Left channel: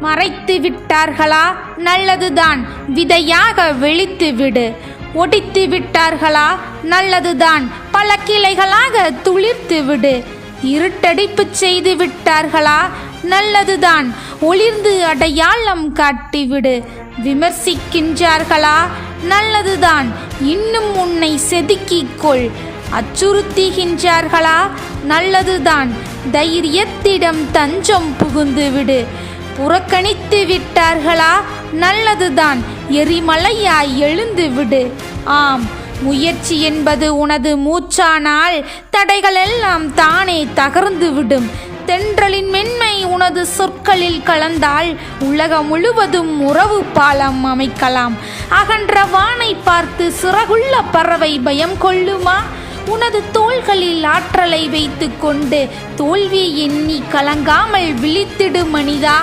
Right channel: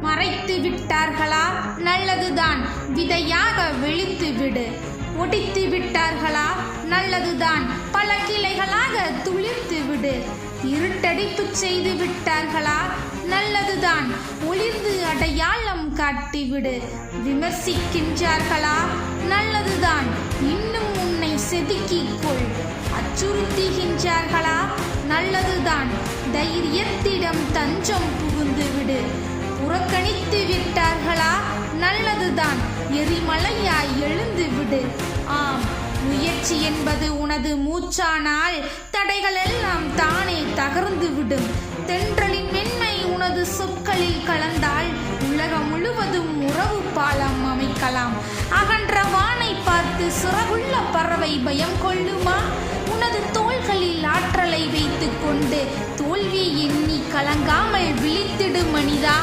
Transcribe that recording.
மறைத்து விட்டார்களா? நல்லதுதான். விதையாக வெளித்து விடு. ஒடித்து விட்டார்களா? நல்லதுதான். பல கிளைகளாக துளிர்த்து விடு. இருட்டடிப்பு செய்து விட்டார்களா? நல்லதுதான். ஒளிர்ந்து அடையாளம் காட்டிவிடு விமர்சிக்கின்றார்களா? நல்லதுதான். இன்னும் உன்னை செதுக்கிக்கொள். அச்சுறுத்துகின்றார்களா? நல்லதுதான். தைரியத்திடம் தஞ்சம் புகுந்து விடு. புறக்கணித்து விட்டார்களா? நல்லதுதான். எரிமலையாய் எழுந்து விடு. ஆம் முயற்சி என்பது உனது மூச்சானால் தடைகளெல்லாம் தானே தகர்ந்து விடும். தென்றலின் மென்மை உனது சொற்களில் கலந்தால் உலகம் முழுவதும் உறவு பாலம் அமைக்கலாம். அகன்ற வானை பார்த்து சிறகுள்ள பறவை பயம் கொள்ளுமா? உனது தோள்களில் ஆற்றலை வைத்துக்கொண்டு தோல்வி எண்ணி கலங்காமல் விழித்திடு மனிதா.